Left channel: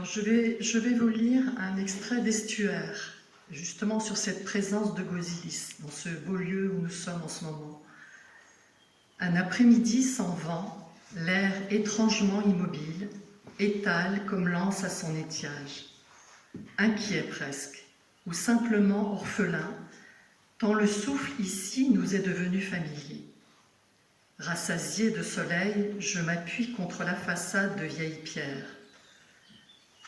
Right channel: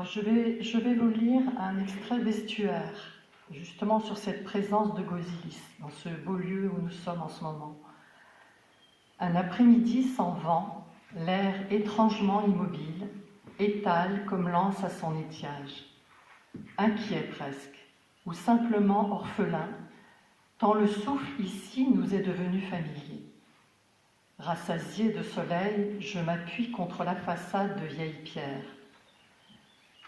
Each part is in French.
Alors je vais vous lire un extrait d'Estuaire, justement sur cette présence de Gosilis, dans ce beau lieu où nous sommes en ce moment. Un après-midi sans vent, l'air étrangement immobile, étale comme l'anse à son étiage. Inquiet presque, ou simplement orphelin, tant le souffle ici nous est devenu familier. Rassasié de soleil, je m'appuie contre la façade de vieilles pierres.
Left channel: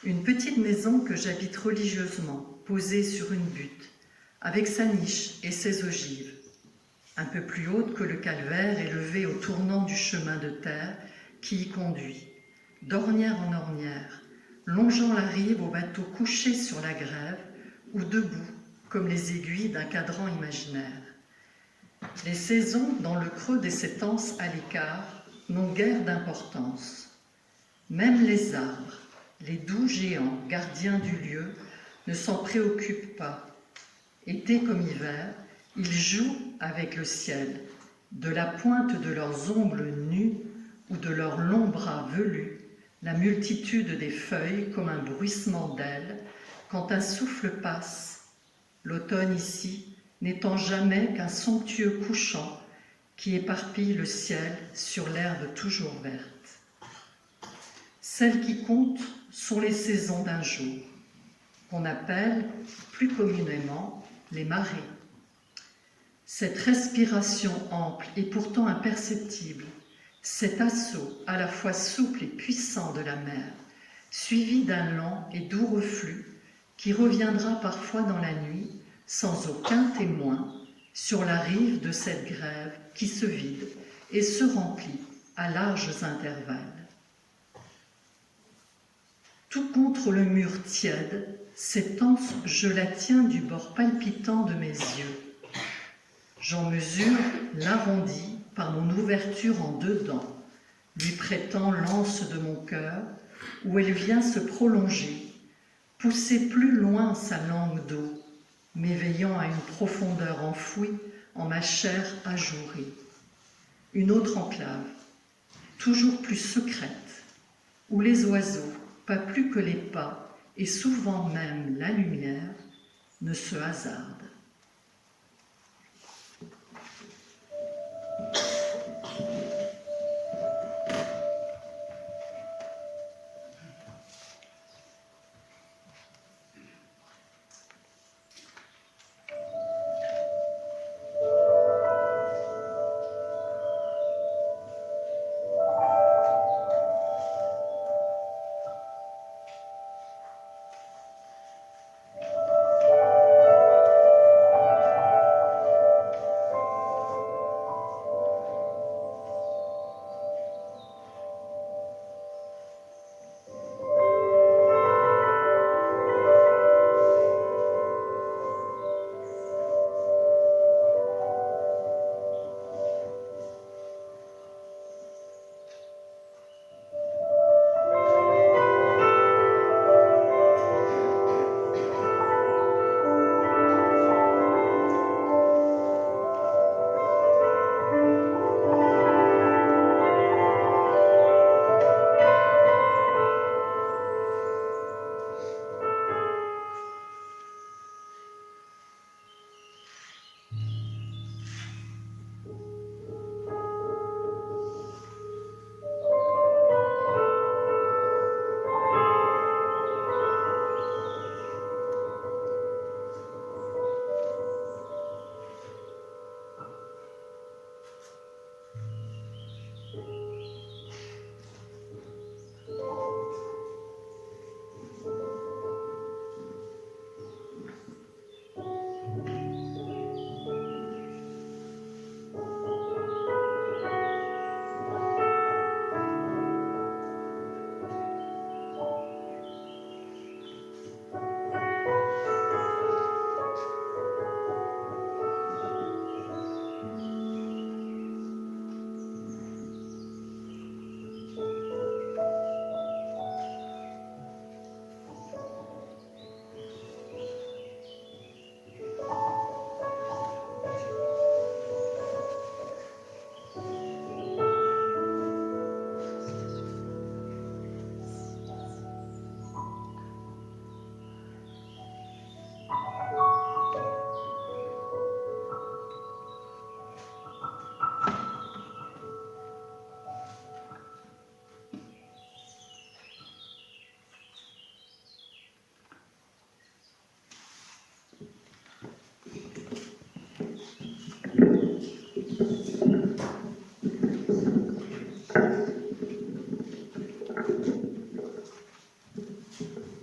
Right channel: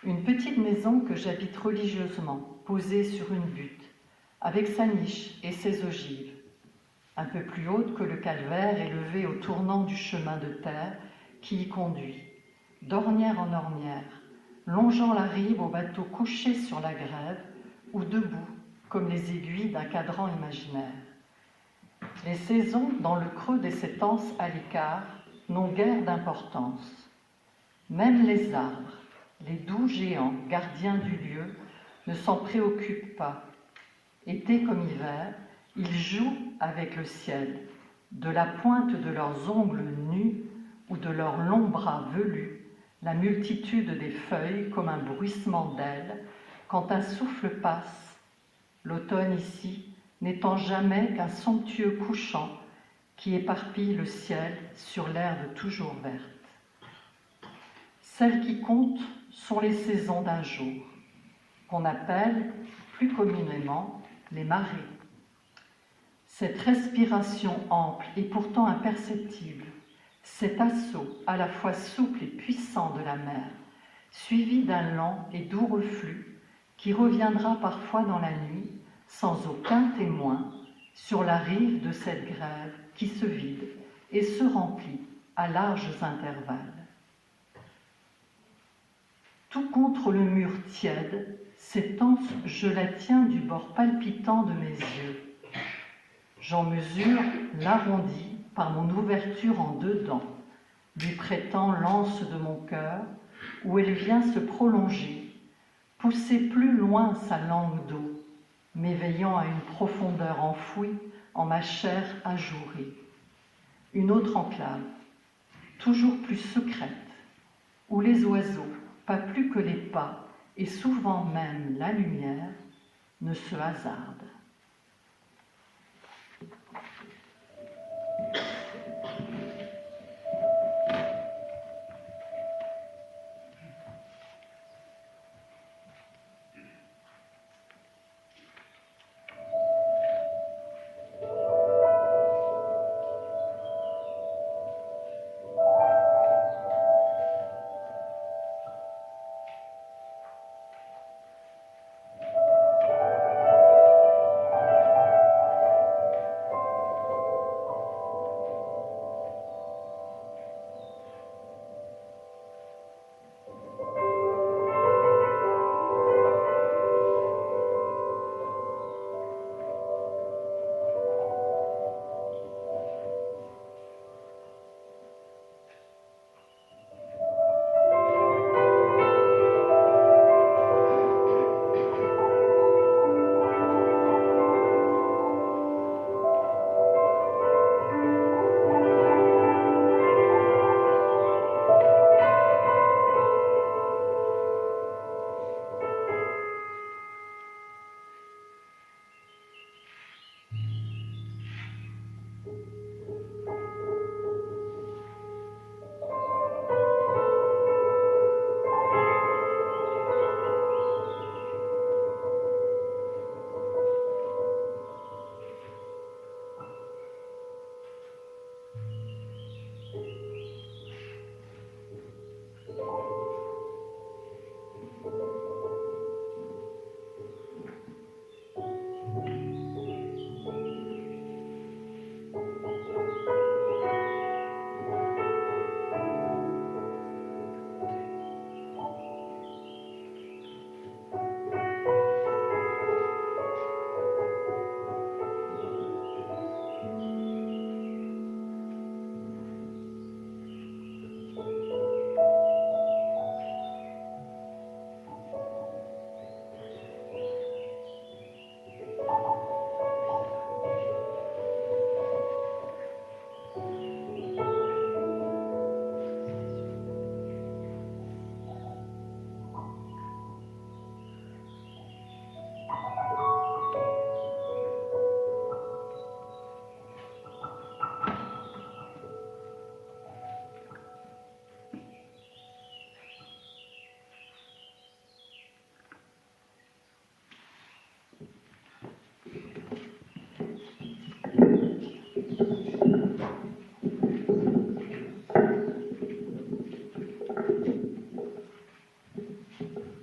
Une petite maison que j'habite religieusement, posée sur une butte, avec sa niche et ses ogives, un peu plus haute que le calvaire élevé au tournant du chemin de terre qui y conduit, d'ornière en ornière, longeant la rive au bateau couché sur la grève ou debout comme les aiguilles d'un cadran imaginaire. Les saisons, dans le creux des sétences à l'écart, n'ont guère d'importance. Même les arbres, les doux géants, gardiens du lieu, ne s'en préoccupent pas. Été comme hiver, ils jouent avec le ciel, de la pointe de leurs ongles nus ou de leurs longs bras velus, la multitude des feuilles comme un bruissement d'ailes, quand un souffle passe, l'automne ici n'étant jamais qu'un somptueux couchant qui éparpille le ciel sur l'herbe toujours verte. Celles qui comptent sont les saisons d'un jour, qu'on appelle plus communément les marées. Cette respiration ample et pourtant imperceptible, cet assaut à la fois souple et puissant de la mer, suivi d'un lent et doux reflux qui reviendra parfois dans la nuit, sans aucun témoin, sur la rive de cette grève qui se vide et se remplit à larges intervalles. Tout contre le mur tiède, cette anse, je la tiens du bord palpitant de mes yeux. J'en mesure l'arrondi par mon ouverture en deux dents, lui prêtant l'anse de mon cœur, où elle vient se prolonger, pousser plus loin sa langue d'eau, m'éveillant à une profondeur enfouie en ma chair ajourée. Une autre enclave, toujours plus secrète, où les oiseaux, pas plus que les pas, et souvent même la lumière, ne se hasardent.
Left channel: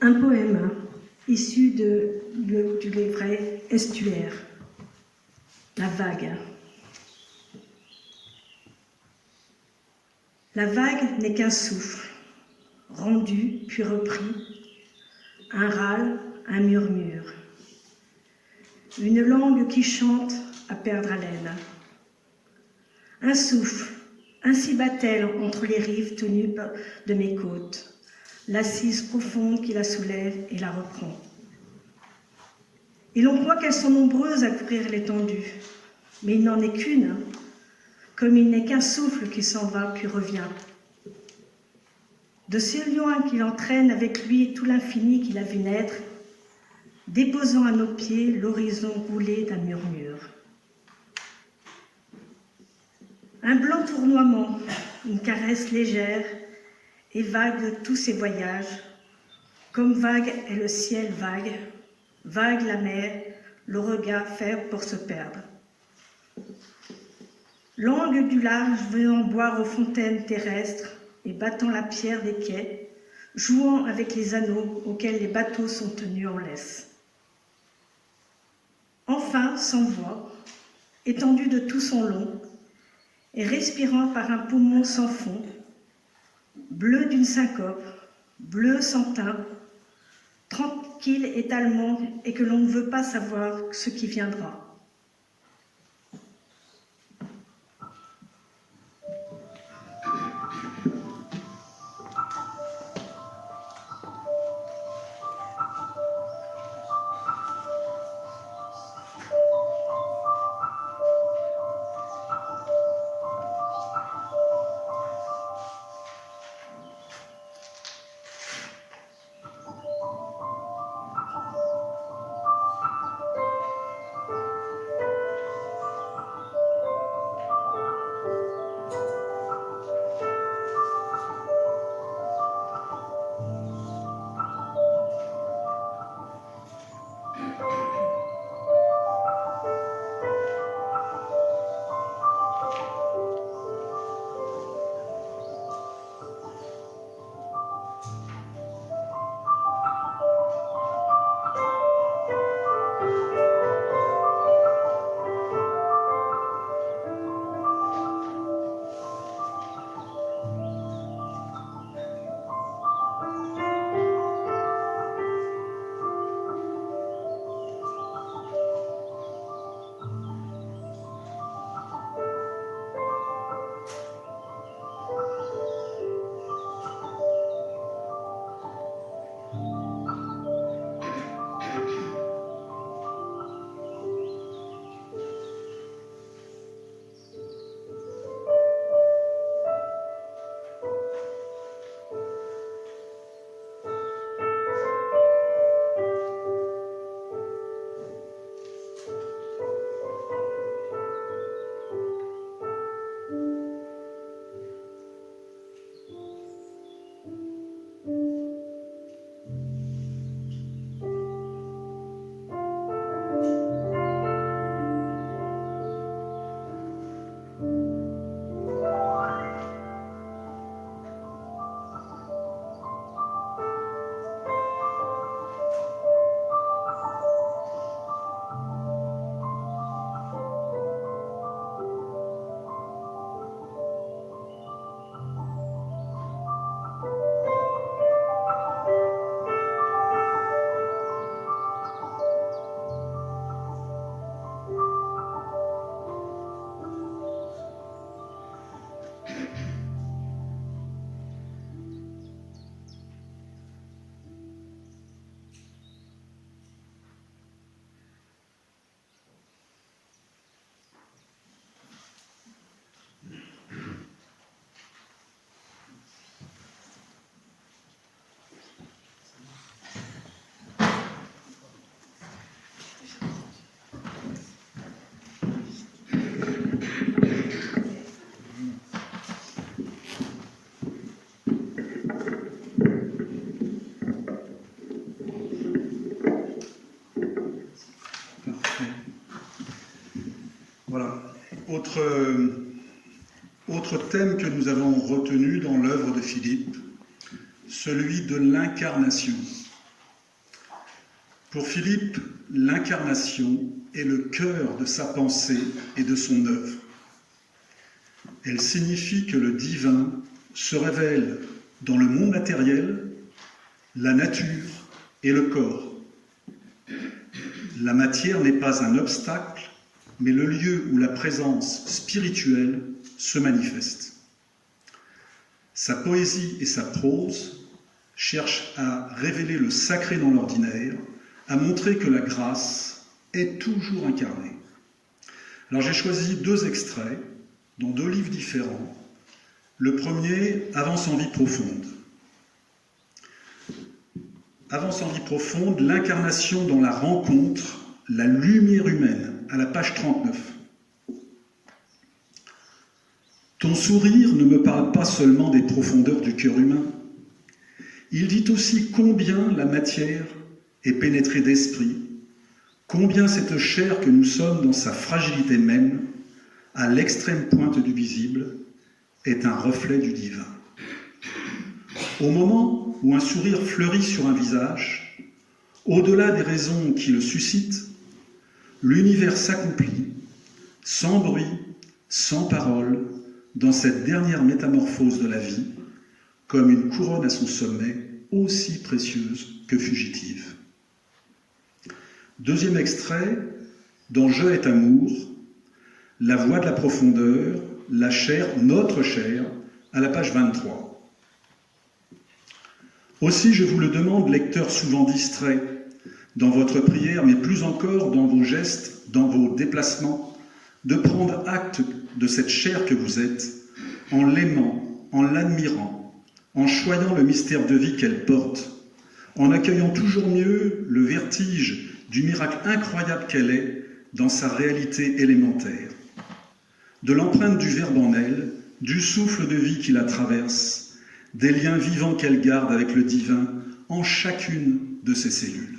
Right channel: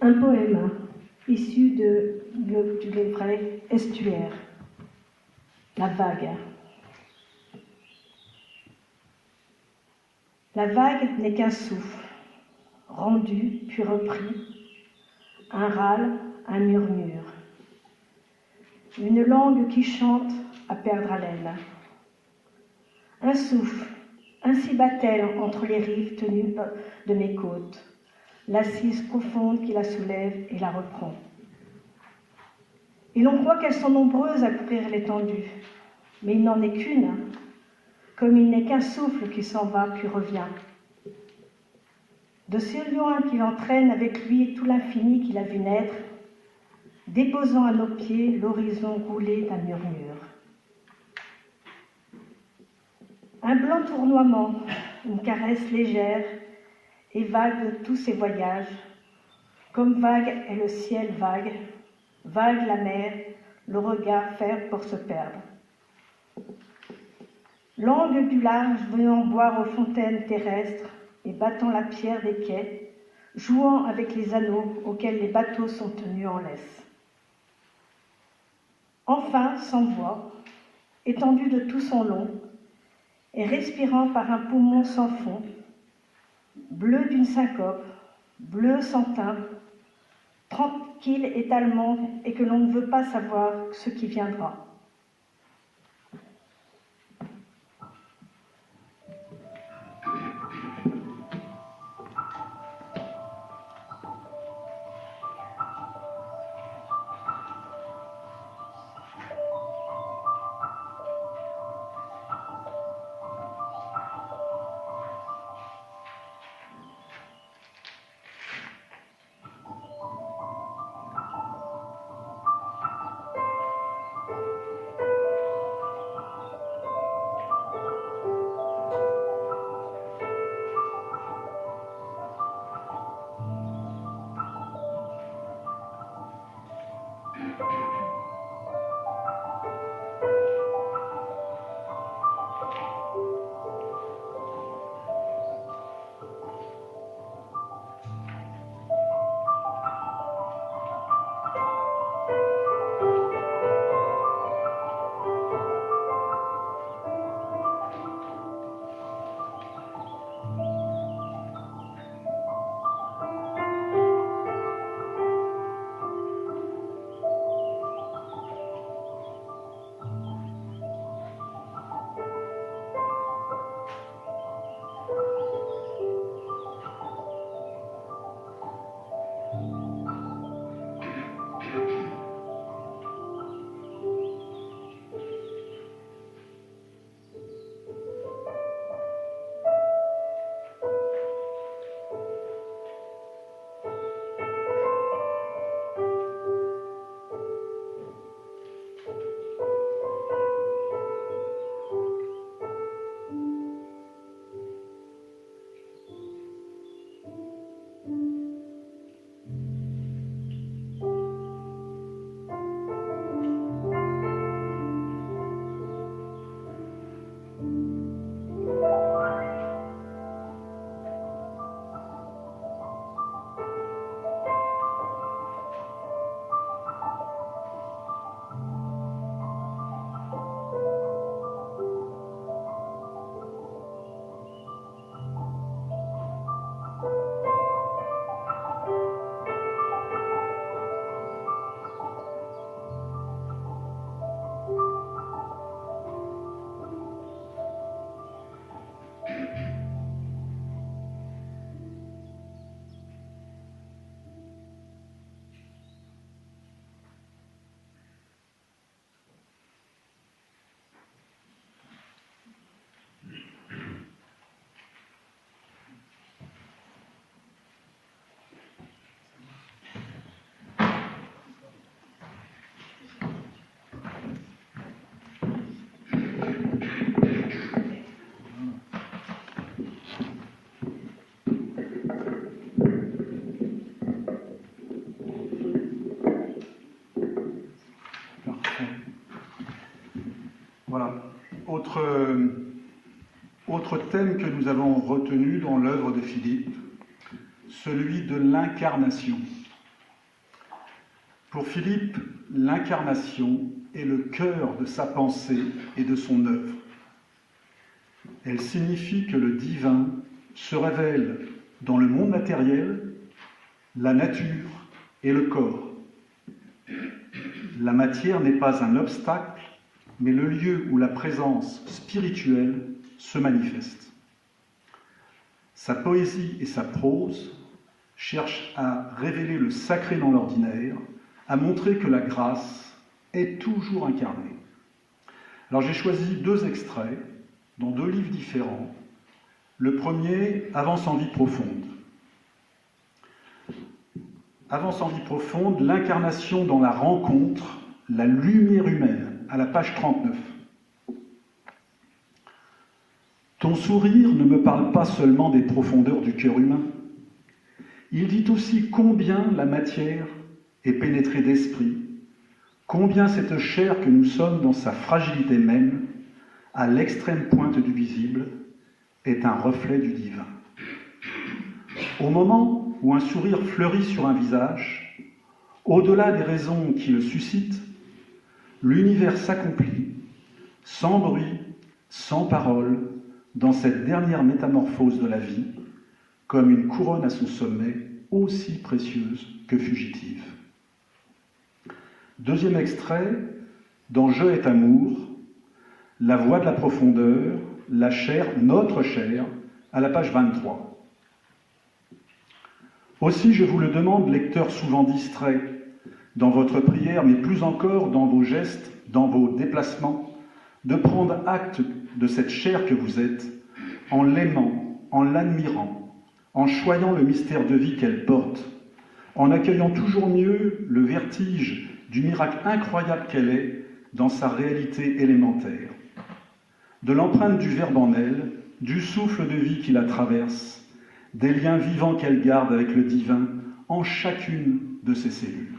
Un poème issu du livret Estuaire. La vague. La vague n'est qu'un souffle, rendu puis repris, un râle, un murmure. Une langue qui chante à perdre haleine. Un souffle, ainsi bat-elle entre les rives tenues de mes côtes, l'assise profonde qui la soulève et la reprend. Et l'on croit qu'elles sont nombreuses à couvrir l'étendue, mais il n'en est qu'une, comme il n'est qu'un souffle qui s'en va puis revient. De ce lion qu'il entraîne avec lui tout l'infini qu'il a vu naître, déposant à nos pieds l'horizon roulé d'un murmure. Un blanc tournoiement, une caresse légère, et vague de tous ses voyages, comme vague est le ciel vague, vague la mer, le regard faible pour se perdre. L'angle du large venant boire aux fontaines terrestres et battant la pierre des quais, jouant avec les anneaux auxquels les bateaux sont tenus en laisse. Enfin, sans voix, étendu de tout son long, et respirant par un poumon sans fond, bleu d'une syncope, bleu sans teint, tranquille étalement, et que l'on ne veut pas savoir ce qui viendra. Autre thème que nous avons retenu dans l'œuvre de Philippe, celui de l'incarnation. Pour Philippe, l'incarnation est le cœur de sa pensée et de son œuvre. Elle signifie que le divin se révèle dans le monde matériel, la nature et le corps. La matière n'est pas un obstacle, mais le lieu où la présence spirituelle se manifeste. Sa poésie et sa prose cherchent à révéler le sacré dans l'ordinaire, à montrer que la grâce est toujours incarnée. Alors j'ai choisi 2 extraits dans 2 livres différents. Le premier, Avance en vie profonde. Avance en vie profonde, l'incarnation dans la rencontre, la lumière humaine, à la page 39. Ton sourire ne me parle pas seulement des profondeurs du cœur humain. Il dit aussi combien la matière est pénétrée d'esprit, combien cette chair que nous sommes dans sa fragilité même, à l'extrême pointe du visible, est un reflet du divin. Au moment où un sourire fleurit sur un visage, au-delà des raisons qui le suscitent, l'univers s'accomplit, sans bruit, sans parole, dans cette dernière métamorphose de la vie, comme une couronne à son sommet, aussi précieuse que fugitive. Deuxième extrait, dans Je est amour, la voix de la profondeur, la chair, notre chair, à la page 23. Aussi, je vous le demande, lecteurs souvent distraits, dans votre prière, mais plus encore dans vos gestes, dans vos déplacements, de prendre acte de cette chair que vous êtes, en l'aimant, en l'admirant, en choyant le mystère de vie qu'elle porte, en accueillant toujours mieux le vertige du miracle incroyable qu'elle est dans sa réalité élémentaire, de l'empreinte du Verbe en elle, du souffle de vie qui la traverse, des liens vivants qu'elle garde avec le divin en chacune de ses cellules.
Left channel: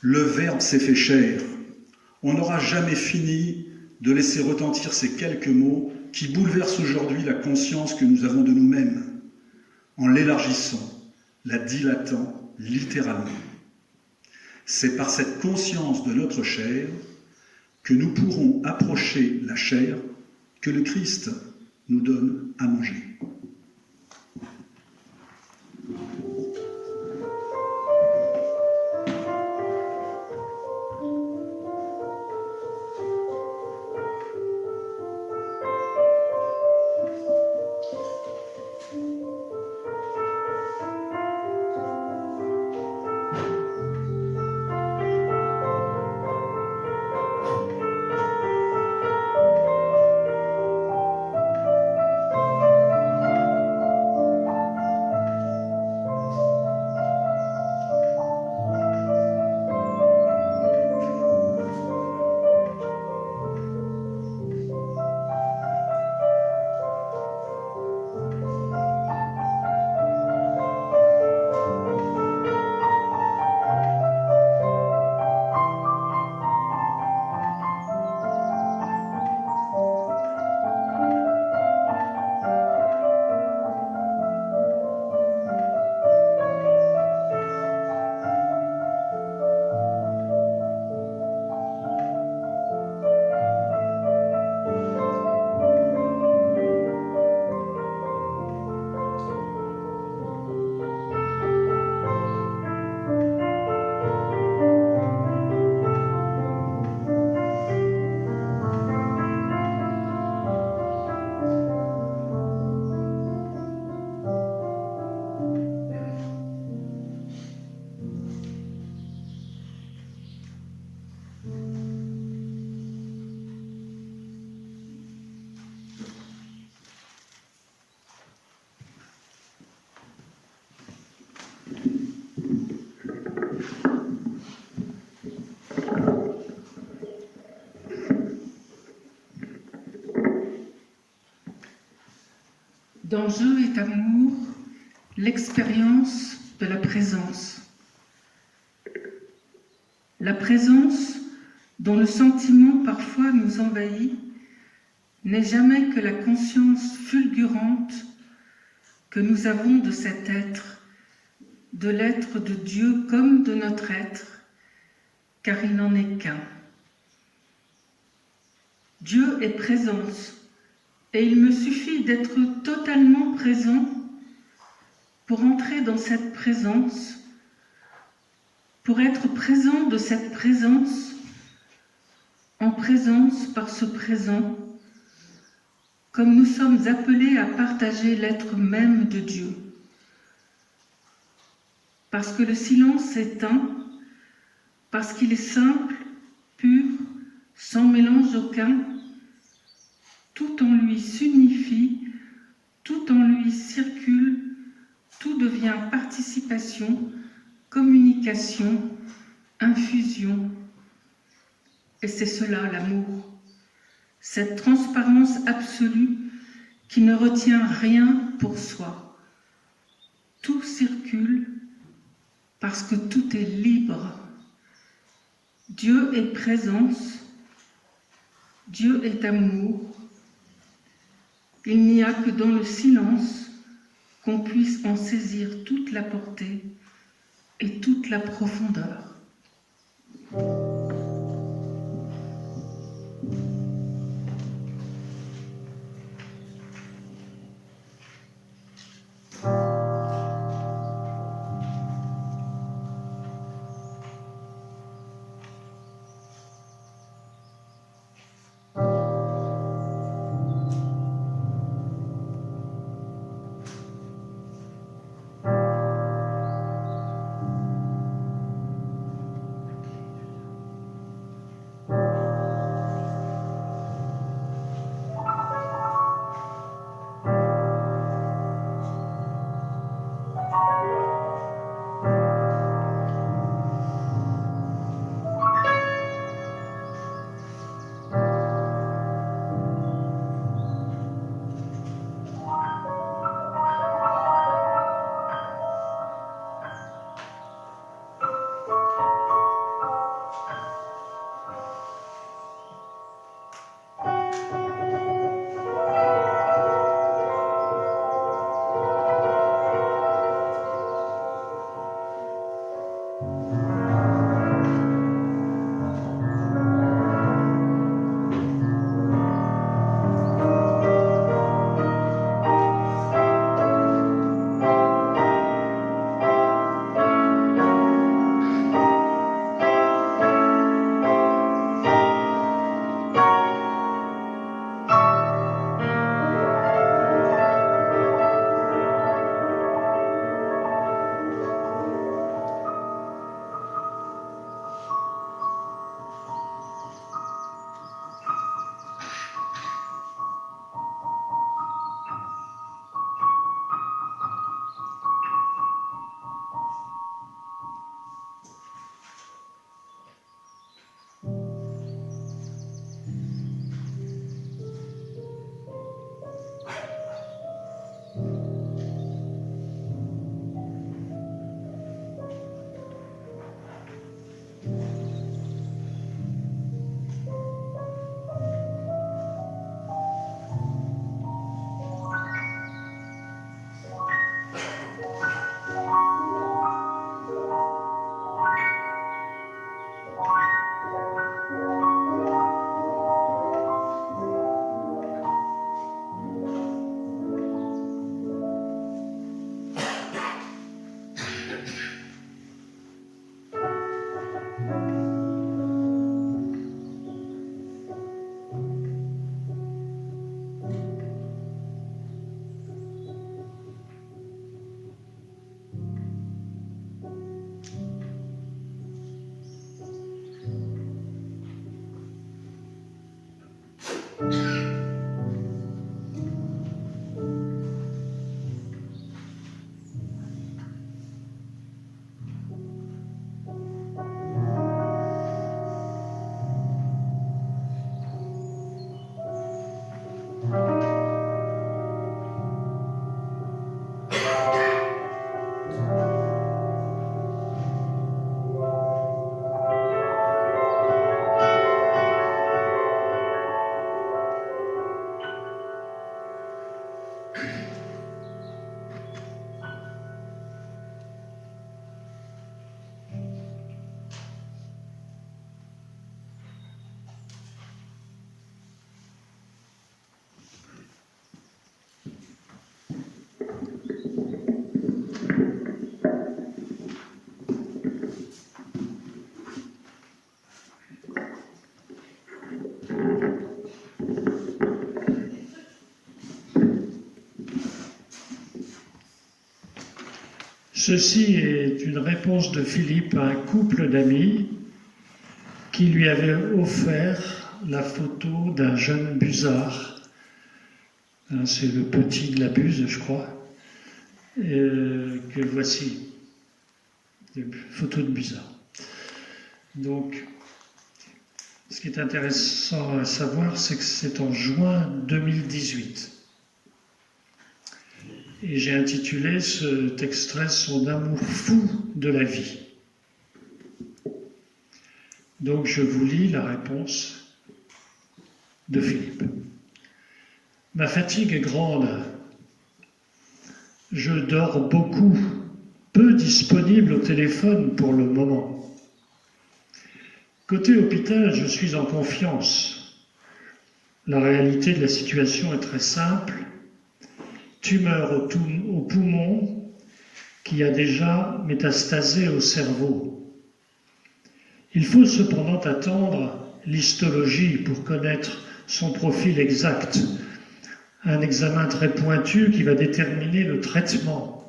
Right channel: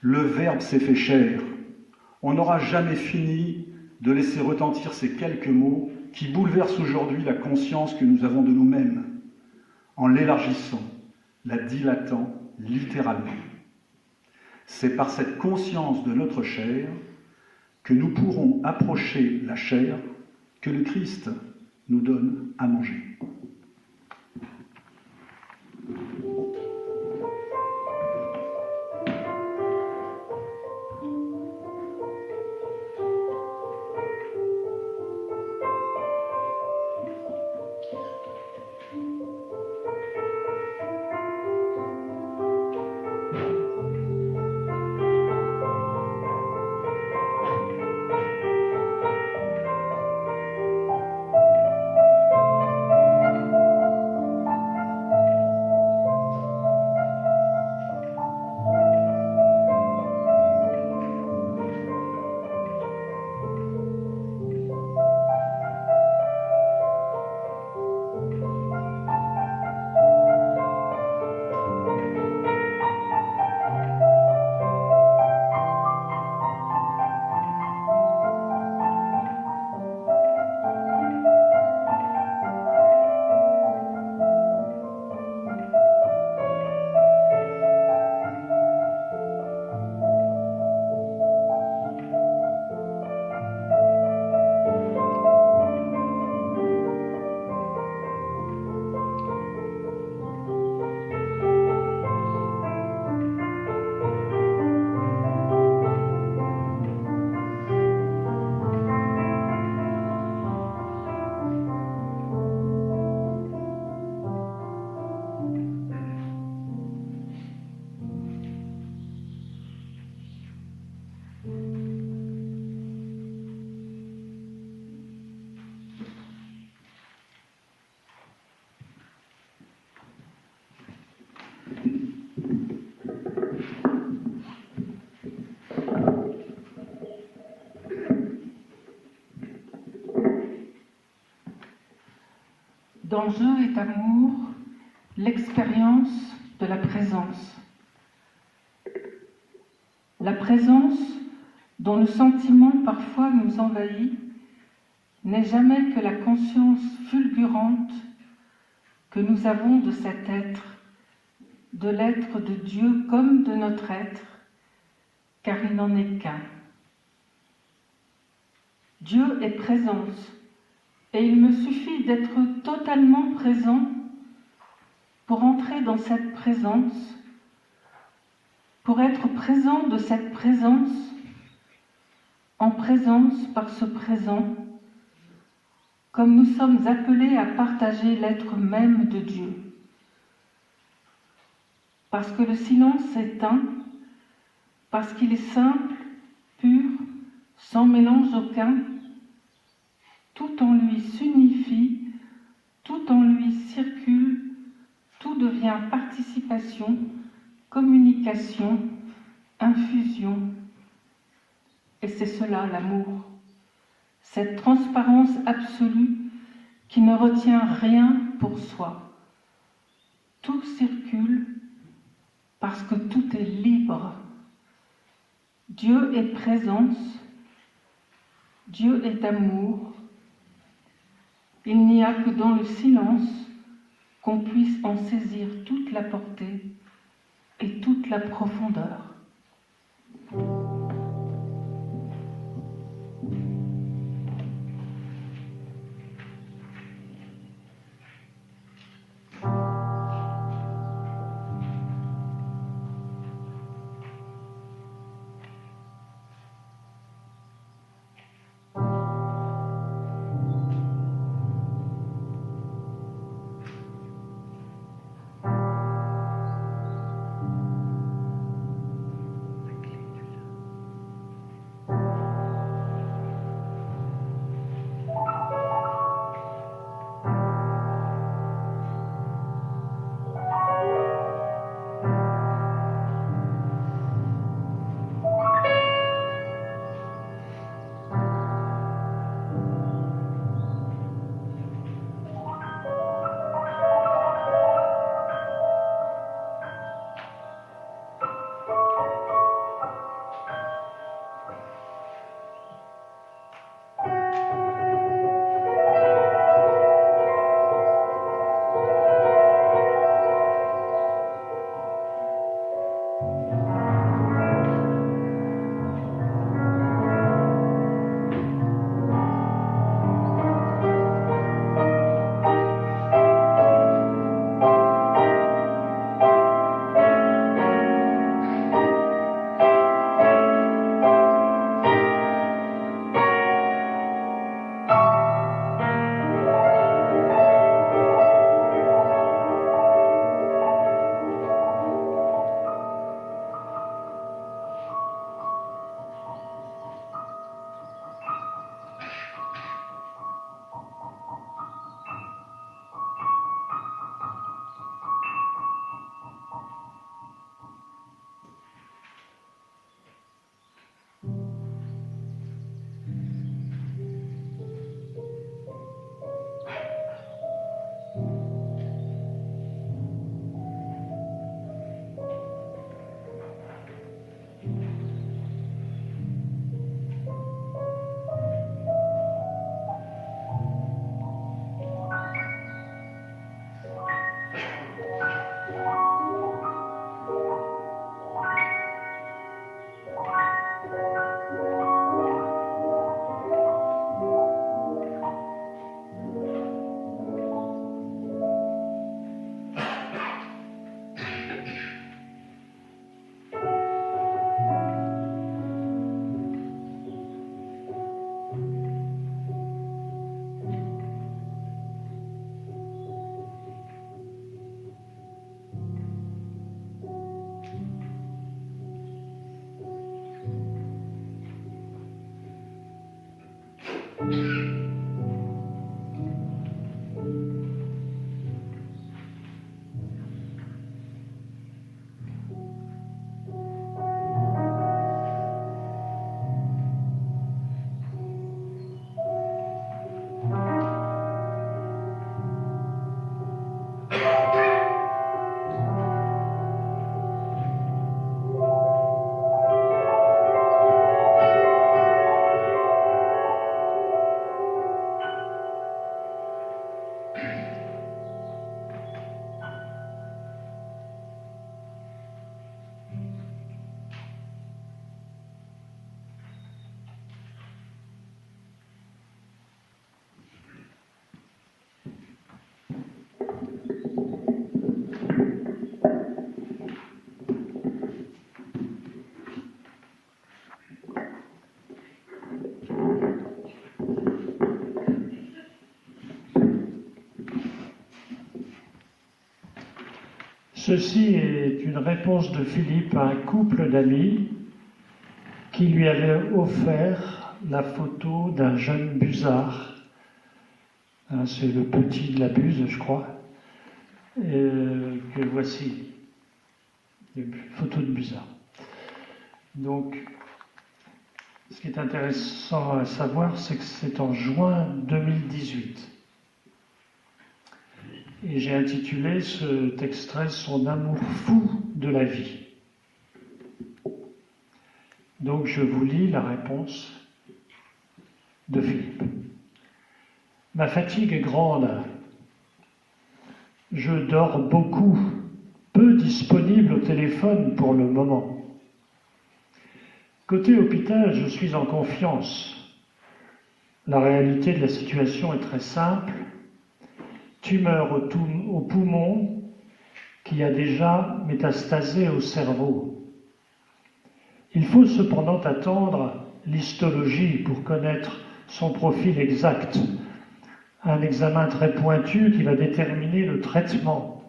Le Verbe s'est fait chair. On n'aura jamais fini de laisser retentir ces quelques mots qui bouleversent aujourd'hui la conscience que nous avons de nous-mêmes, en l'élargissant, la dilatant littéralement. C'est par cette conscience de notre chair que nous pourrons approcher la chair que le Christ nous donne à manger. Dans Je est amour, l'expérience de la présence. La présence dont le sentiment parfois nous envahit n'est jamais que la conscience fulgurante que nous avons de cet être, de l'être de Dieu comme de notre être, car il n'en est qu'un. Dieu est présence, et il me suffit d'être totalement présent pour entrer dans cette présence, pour être présent de cette présence, en présence par ce présent, comme nous sommes appelés à partager l'être même de Dieu. Parce que le silence est un, parce qu'il est simple, pur, sans mélange aucun, tout en lui s'unifie, tout en lui circule, tout devient participation, communication, infusion. Et c'est cela l'amour, cette transparence absolue qui ne retient rien pour soi. Tout circule parce que tout est libre. Dieu est présence, Dieu est amour. Il n'y a que dans le silence qu'on puisse en saisir toute la portée et toute la profondeur. Ceci est une réponse de Philippe à un couple d'amis qui lui avait offert la photo d'un jeune busard. C'est le petit de la Buse, je crois, que voici. Photo de busard. Donc, ce qui est intéressant à savoir, c'est que c'est en juin 2018. Et j'ai intitulé cet extrait « Son amour fou de la vie ». Donc je vous lis la réponse de Philippe. « Ma fatigue est grande. Je dors beaucoup, peu disponible au téléphone pour le moment. Côté hôpital, je suis en confiance. La réalité de la situation est très simple. Tumeur au poumon qui a déjà métastasé au cerveau. Il faut cependant attendre l'histologie pour connaître son profil exact, un examen très pointu qui va déterminer le traitement.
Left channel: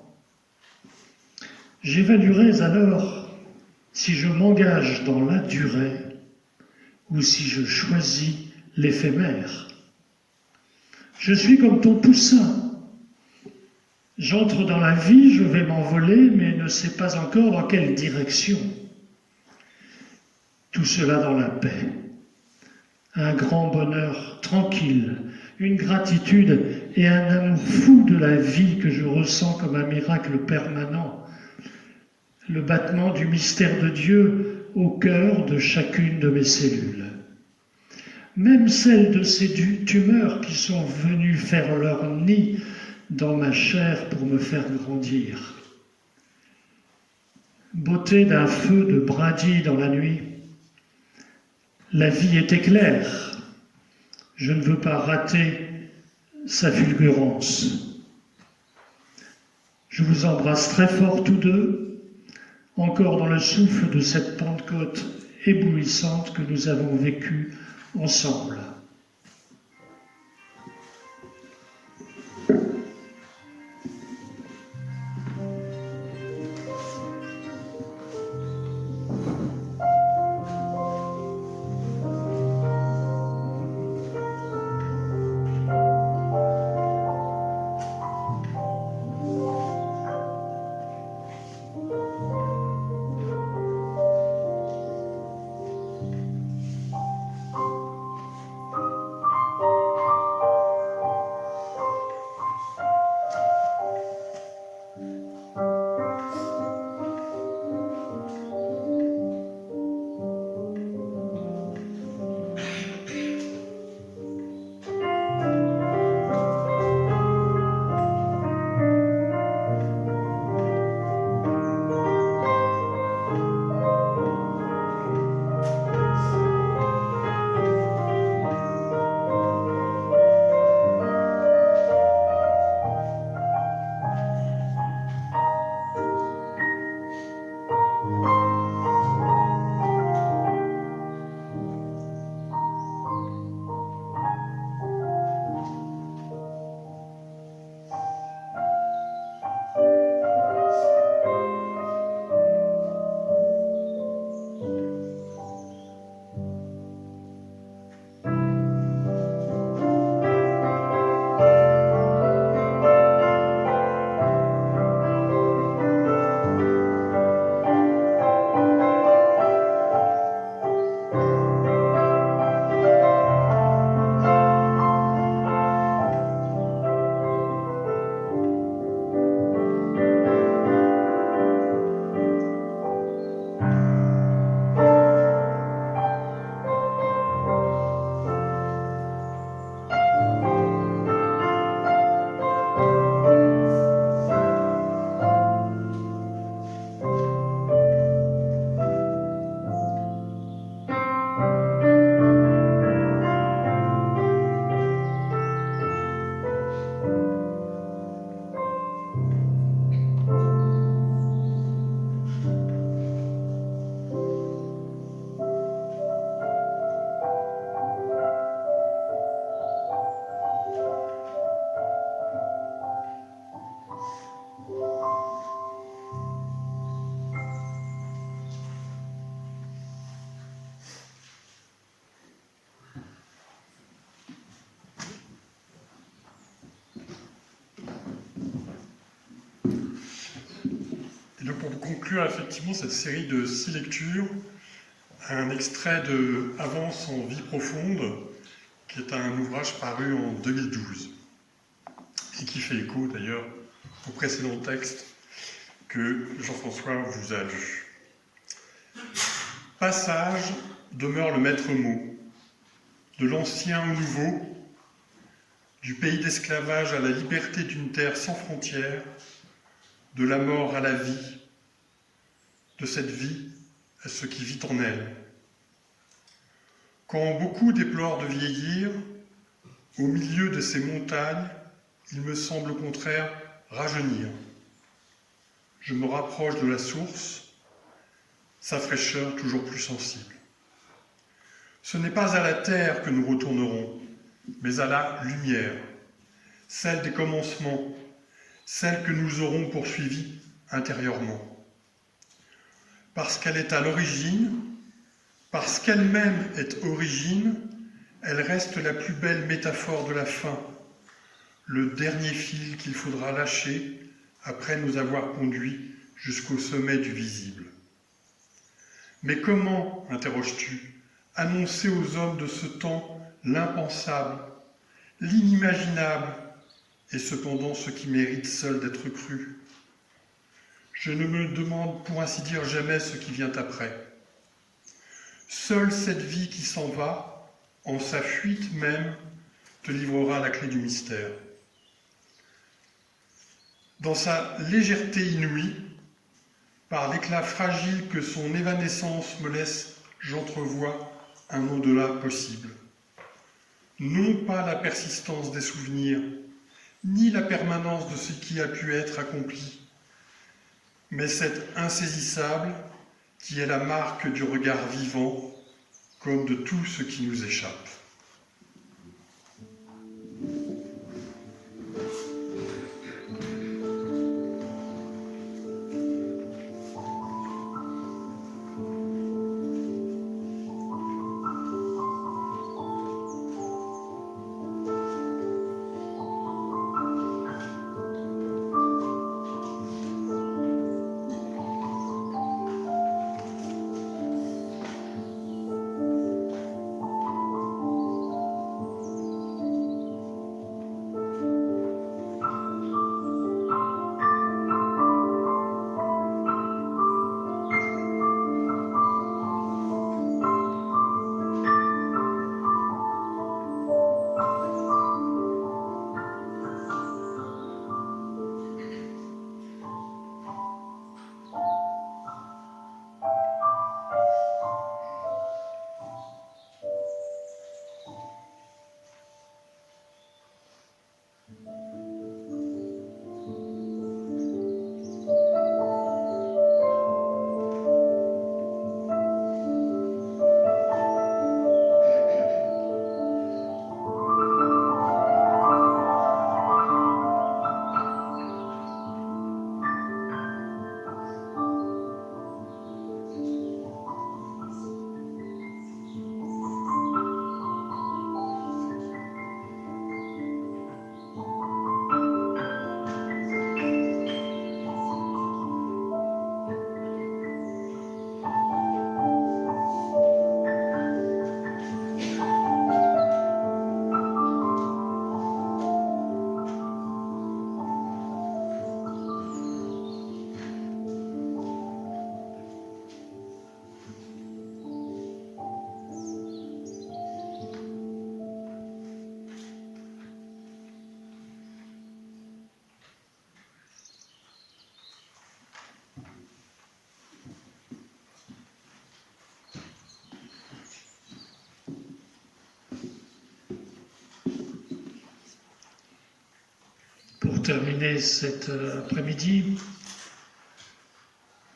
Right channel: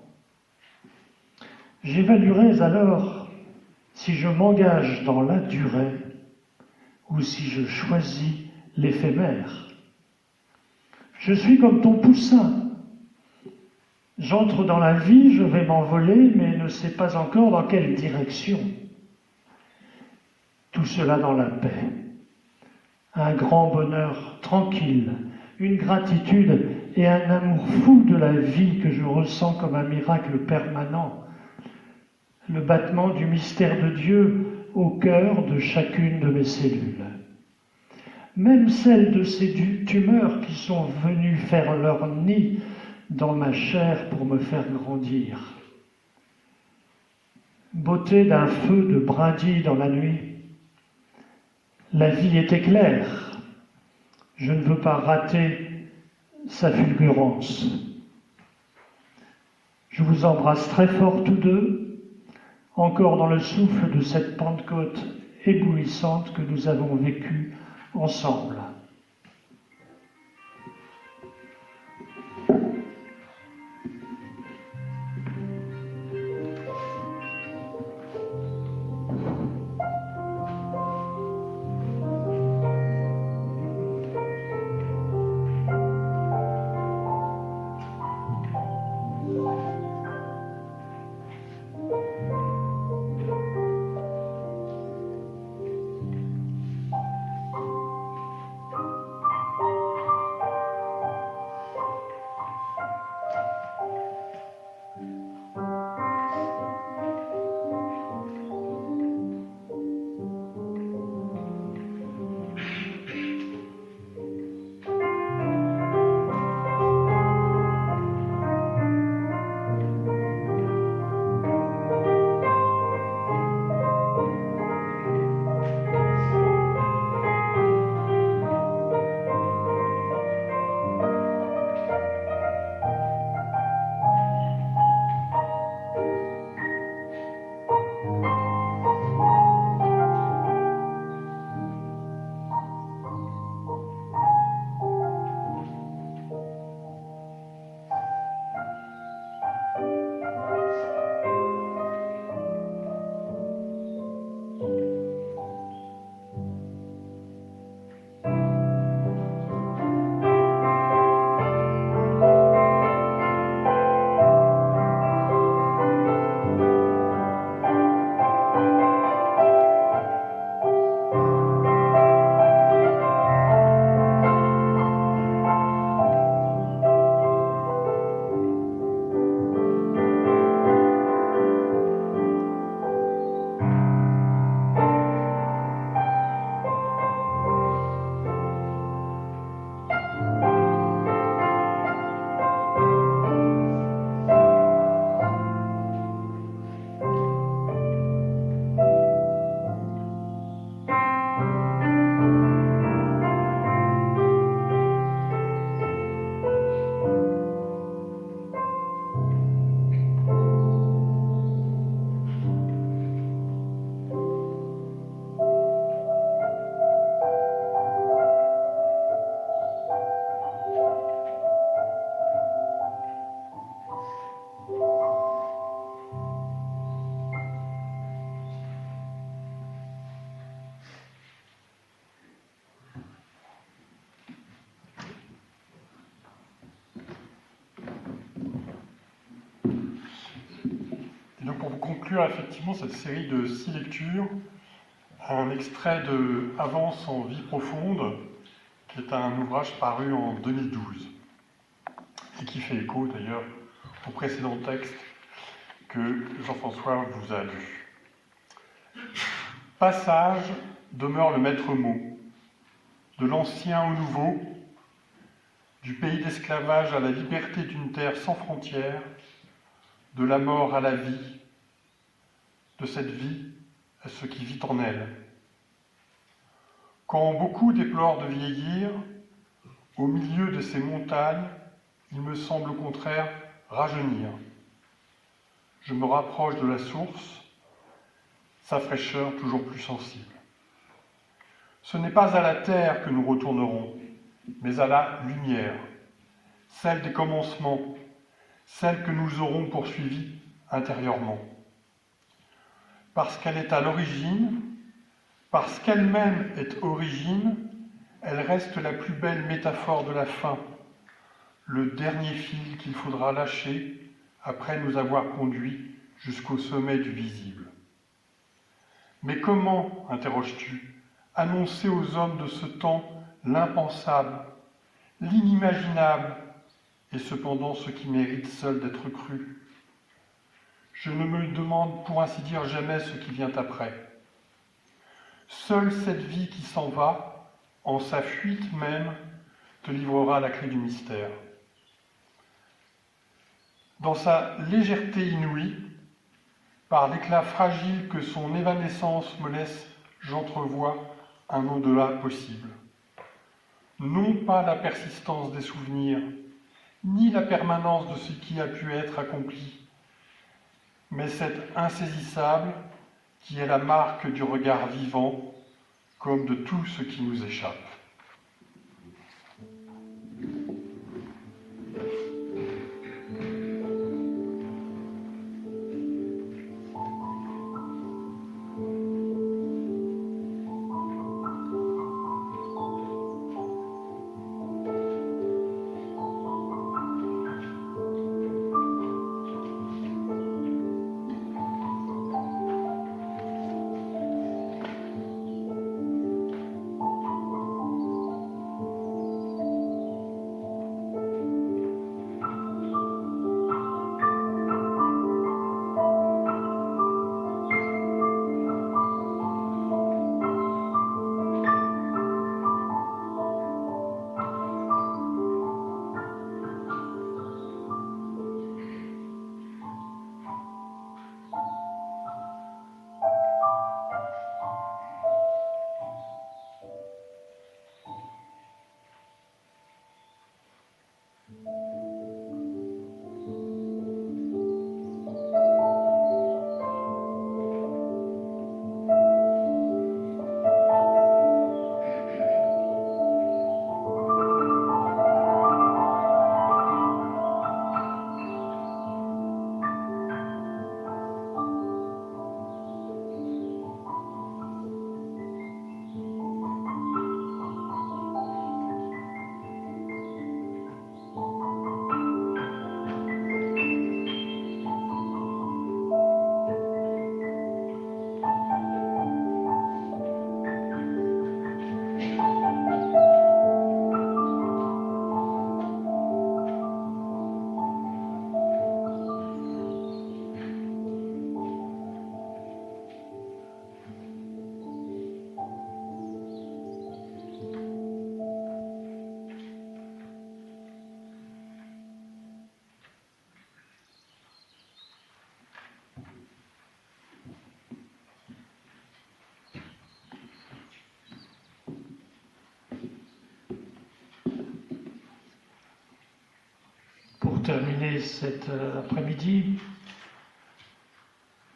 J'évaluerai alors si je m'engage dans la durée ou si je choisis l'éphémère. Je suis comme ton poussin. J'entre dans la vie, je vais m'envoler, mais ne sais pas encore dans quelle direction. Tout cela dans la paix. Un grand bonheur tranquille, une gratitude et un amour fou de la vie que je ressens comme un miracle permanent. Le battement du mystère de Dieu au cœur de chacune de mes cellules. Même celles de ces tumeurs qui sont venues faire leur nid dans ma chair pour me faire grandir. Beauté d'un feu de brindilles dans la nuit. La vie est éclair. Je ne veux pas rater sa fulgurance. Je vous embrasse très fort tous deux, encore dans le souffle de cette Pentecôte éblouissante que nous avons vécue ensemble. Donc pour conclure effectivement cette série de 6 lectures, un extrait de Avance en vie profonde, qui est un ouvrage paru en 2012 et qui fait écho d'ailleurs au précédent texte que Jean-François vous a lu. Passage demeure le maître mot, de l'ancien au nouveau, du pays d'esclavage à la liberté d'une terre sans frontières, de la mort à la vie, de cette vie à ce qui vit en elle. Quand beaucoup déplorent de vieillir, au milieu de ces montagnes, il me semble au contraire rajeunir. Je me rapproche de la source, sa fraîcheur toujours plus sensible. Ce n'est pas à la terre que nous retournerons, mais à la lumière, celle des commencements, celle que nous aurons poursuivie intérieurement. Parce qu'elle est à l'origine, parce qu'elle-même est origine, elle reste la plus belle métaphore de la fin, le dernier fil qu'il faudra lâcher après nous avoir conduits jusqu'au sommet du visible. Mais comment, interroges-tu, annoncer aux hommes de ce temps l'impensable, l'inimaginable, et cependant ce qui mérite seul d'être cru? Je ne me demande pour ainsi dire jamais ce qui vient après. Seule cette vie qui s'en va, en sa fuite même, te livrera la clé du mystère. Dans sa légèreté inouïe, par l'éclat fragile que son évanescence me laisse, j'entrevois un au-delà possible. Non pas la persistance des souvenirs, ni la permanence de ce qui a pu être accompli, mais cet insaisissable qui est la marque du regard vivant, comme de tout ce qui nous échappe. Pour terminer cet après-midi,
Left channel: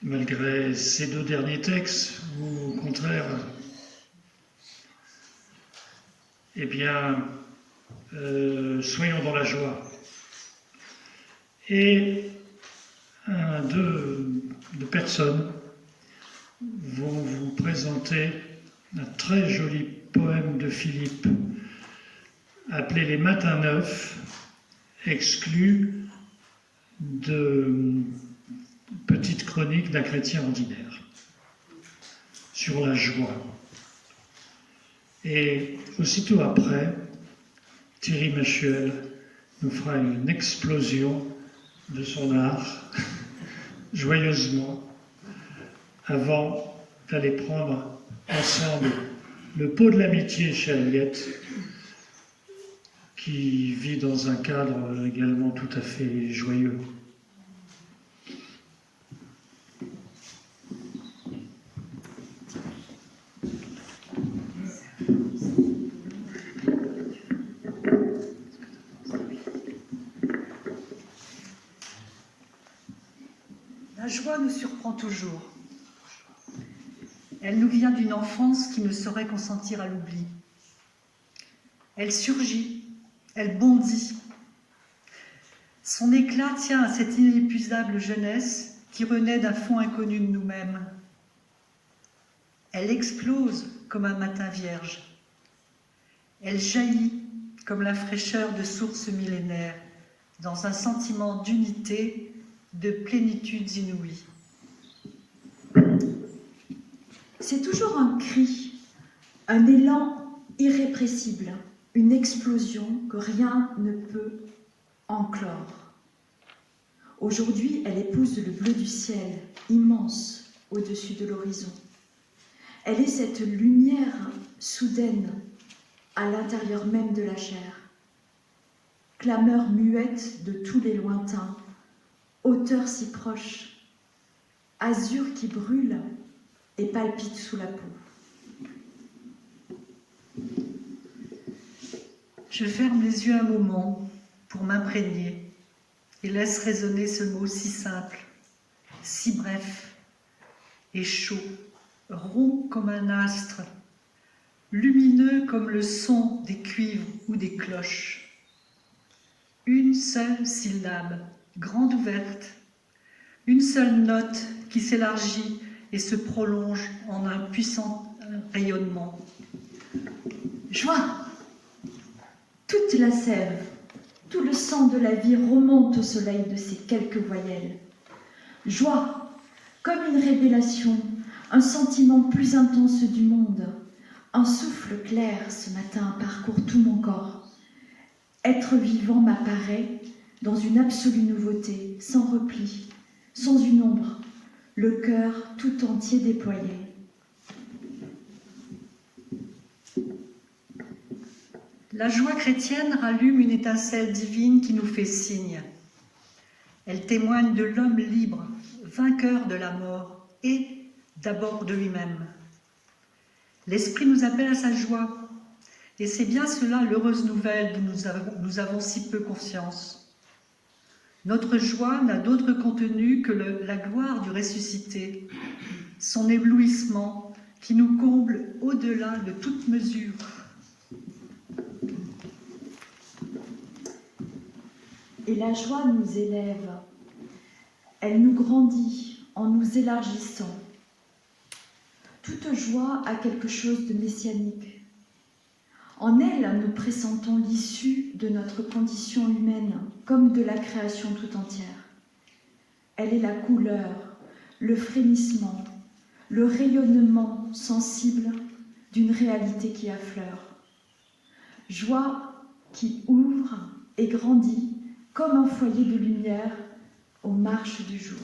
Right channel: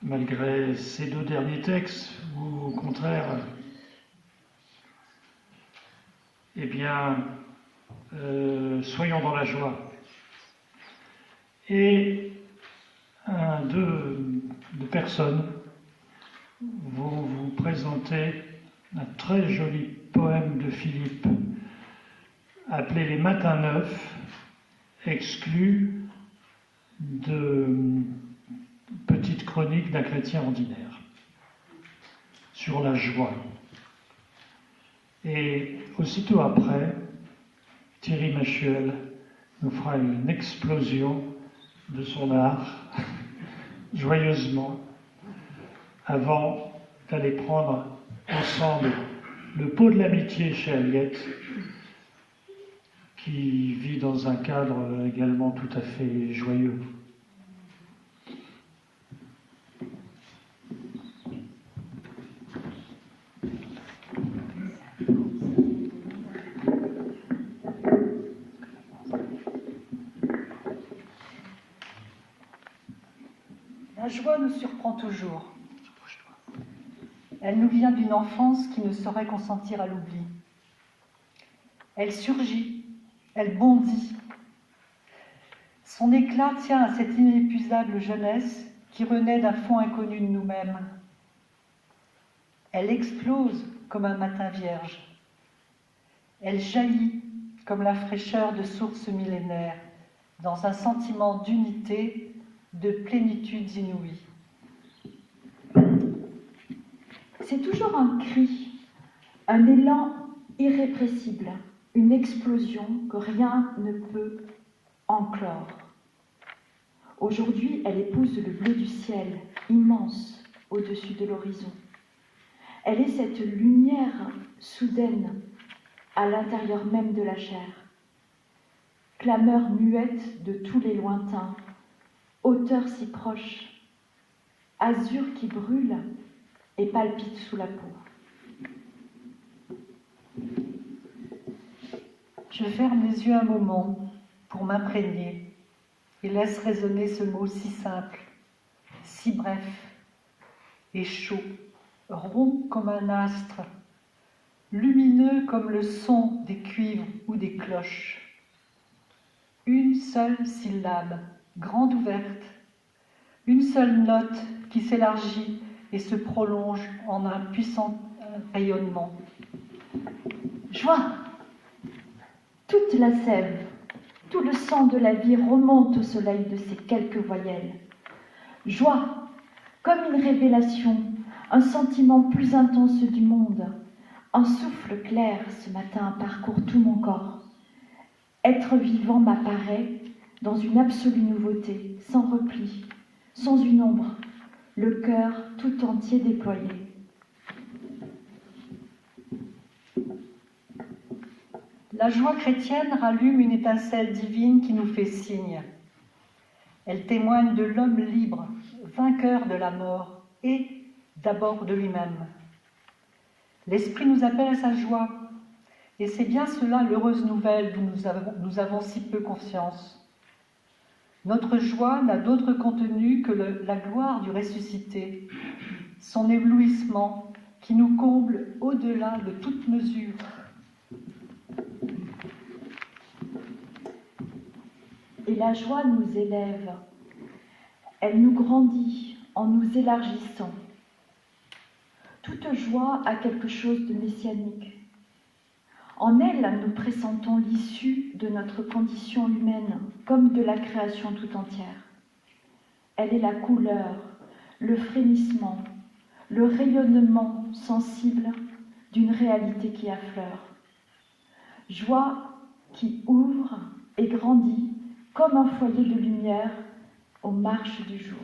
malgré ces 2 derniers textes, ou au contraire, eh bien, soyons dans la joie. Et deux personnes vont vous présenter un très joli poème de Philippe appelé Les Matins Neufs, exclu de petite chronique d'un chrétien ordinaire sur la joie. Et aussitôt après, Thierry Machuel nous fera une explosion de son art, joyeusement, avant d'aller prendre ensemble le pot de l'amitié chez Aliette, qui vit dans un cadre également tout à fait joyeux. La joie nous surprend toujours. Elle nous vient d'une enfance qui ne saurait consentir à l'oubli. Elle surgit, elle bondit. Son éclat tient à cette inépuisable jeunesse qui renaît d'un fond inconnu de nous-mêmes. Elle explose comme un matin vierge. Elle jaillit comme la fraîcheur de sources millénaires, dans un sentiment d'unité, de plénitudes inouïes. C'est toujours un cri, un élan irrépressible, une explosion que rien ne peut enclore. Aujourd'hui, elle épouse le bleu du ciel, immense au-dessus de l'horizon. Elle est cette lumière soudaine à l'intérieur même de la chair. Clameur muette de tous les lointains, hauteur si proche, azur qui brûle et palpite sous la peau. Je ferme les yeux un moment pour m'imprégner et laisse résonner ce mot si simple, si bref et chaud, rond comme un astre, lumineux comme le son des cuivres ou des cloches. Une seule syllabe, grande ouverte, une seule note qui s'élargit et se prolonge en un puissant rayonnement. Joie! Toute la sève, tout le sang de la vie remonte au soleil de ces quelques voyelles. Joie, comme une révélation, un sentiment plus intense du monde. Un souffle clair ce matin parcourt tout mon corps. Être vivant m'apparaît dans une absolue nouveauté, sans repli, sans une ombre, le cœur tout entier déployé. La joie chrétienne rallume une étincelle divine qui nous fait signe. Elle témoigne de l'homme libre, vainqueur de la mort et d'abord de lui-même. L'Esprit nous appelle à sa joie, et c'est bien cela l'heureuse nouvelle dont nous avons si peu conscience. Notre joie n'a d'autre contenu que la gloire du ressuscité, son éblouissement qui nous comble au-delà de toute mesure. Et la joie nous élève, elle nous grandit en nous élargissant. Toute joie a quelque chose de messianique. En elle, nous pressentons l'issue de notre condition humaine, comme de la création tout entière. Elle est la couleur, le frémissement, le rayonnement sensible d'une réalité qui affleure. Joie qui ouvre et grandit comme un foyer de lumière aux marches du jour.